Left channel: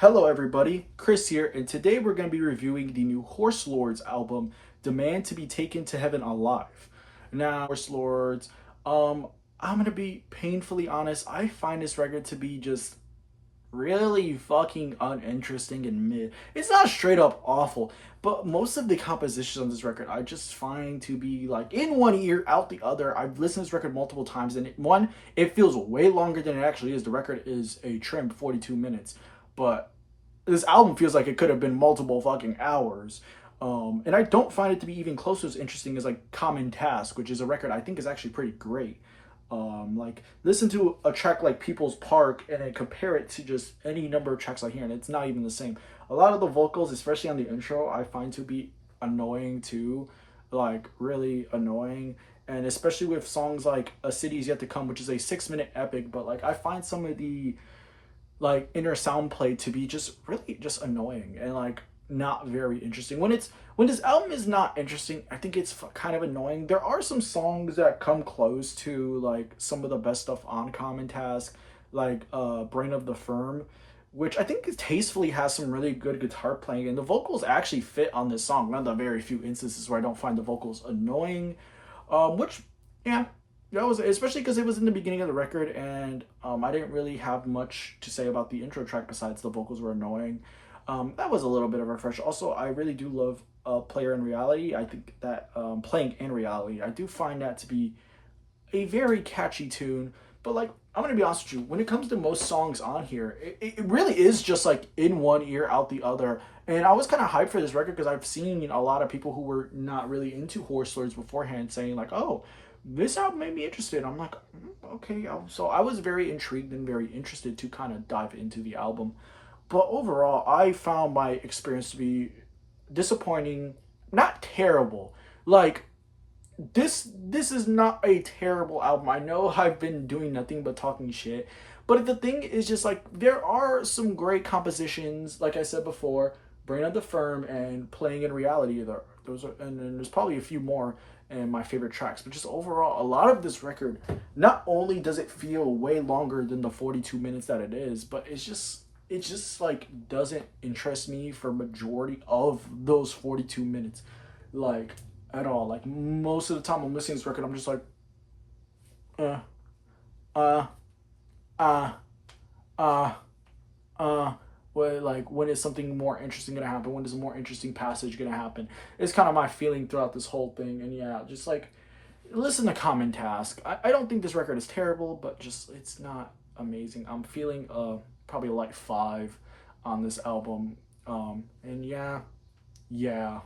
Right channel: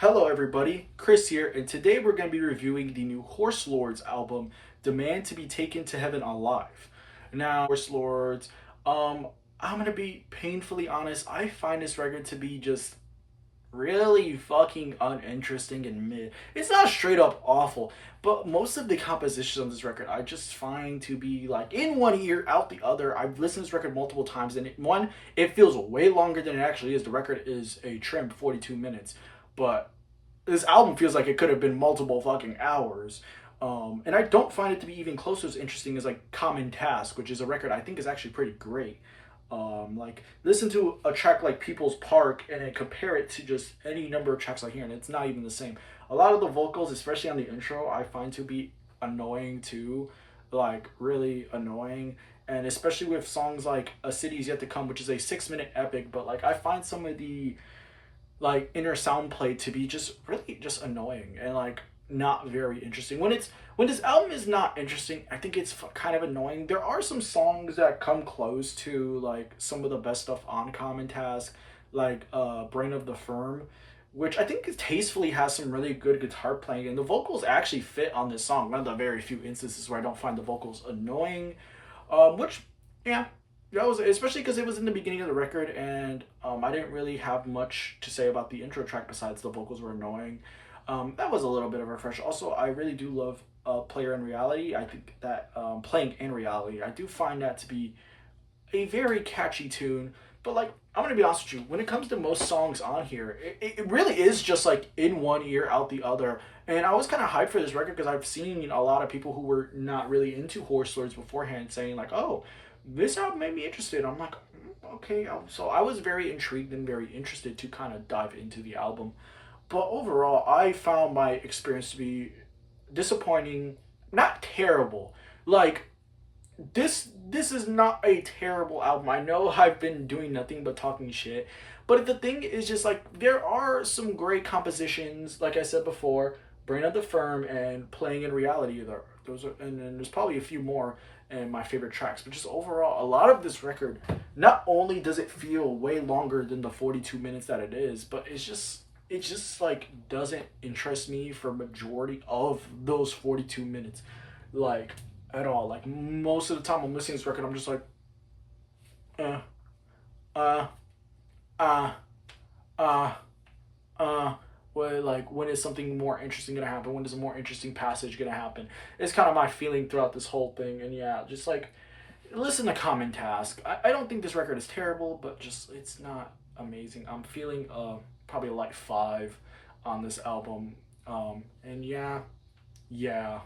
Hello everybody, Chris here, and today we're going to be reviewing the new Horse Lords album, Demand to be Taken to Heaven Alive. Now, Horse Lords, I'm going to be painfully honest, I find this record to be just really fucking uninteresting and mid. It's not straight up awful, but most of the compositions on this record I just find to be like in one ear, out the other. I've listened to this record multiple times, and it feels way longer than it actually is. The record is a trim 42 minutes, but this album feels like it could have been multiple fucking hours. And I don't find it to be even close to as interesting as like Common Task, which is a record I think is actually pretty great. Like listen to a track like People's Park and then compare it to just any number of tracks I hear, and it's not even the same. A lot of the vocals, especially on the intro, I find to be annoying too, like really annoying. And especially with songs like A City Is Yet to Come, which is a 6 minute epic, but like I find some of the like inner sound play to be just really just annoying and like not very interesting. When this album is not interesting, I think it's kind of annoying. There are some songs that come close to like some of the best stuff on Common Task, like Brain of the Firm, which I think tastefully has some really good guitar playing, and the vocals actually fit on this song. One of the very few instances where I don't find the vocals annoying, which yeah, that was especially because it was in the beginning of the record, and I didn't really have much to say about the intro track besides the vocals were annoying. That was a little bit of a refresh. Also, I really do love Player in Reality. I think that Playing in Reality, I do find that to be a very catchy tune. But like, I'm gonna be honest with you, when it comes to most songs on here, it really is just like in one ear, out the other. And I was kind of hyped for this record because I've seen a lot of people who were not really into Horse Lords beforehand saying like, "Oh, this album made me interested." I'm like, okay. So I was very intrigued and very interested to kind of dive into the album. But overall, I found my experience to be disappointing, not terrible. Like this is not a terrible album. I know I've been doing nothing but talking shit, but the thing is just like there are some great compositions. Like I said before, Brain of the Firm and Playing in Reality. Those are, and then there's probably a few more and my favorite tracks. But just overall, a lot of this record, not only does it feel way longer than the 42 minutes that it is, but it's just like doesn't interest me for majority of those 42 minutes, like at all. Like most of the time I'm listening to this record, I'm just like, uh, uh, uh, uh, uh. When is something more interesting gonna happen? When is a more interesting passage gonna happen? It's kind of my feeling throughout this whole thing, and yeah, just like listen to Common Task. I don't think this record is terrible, but just it's not amazing. I'm feeling probably like 5 on this album. And yeah, yeah.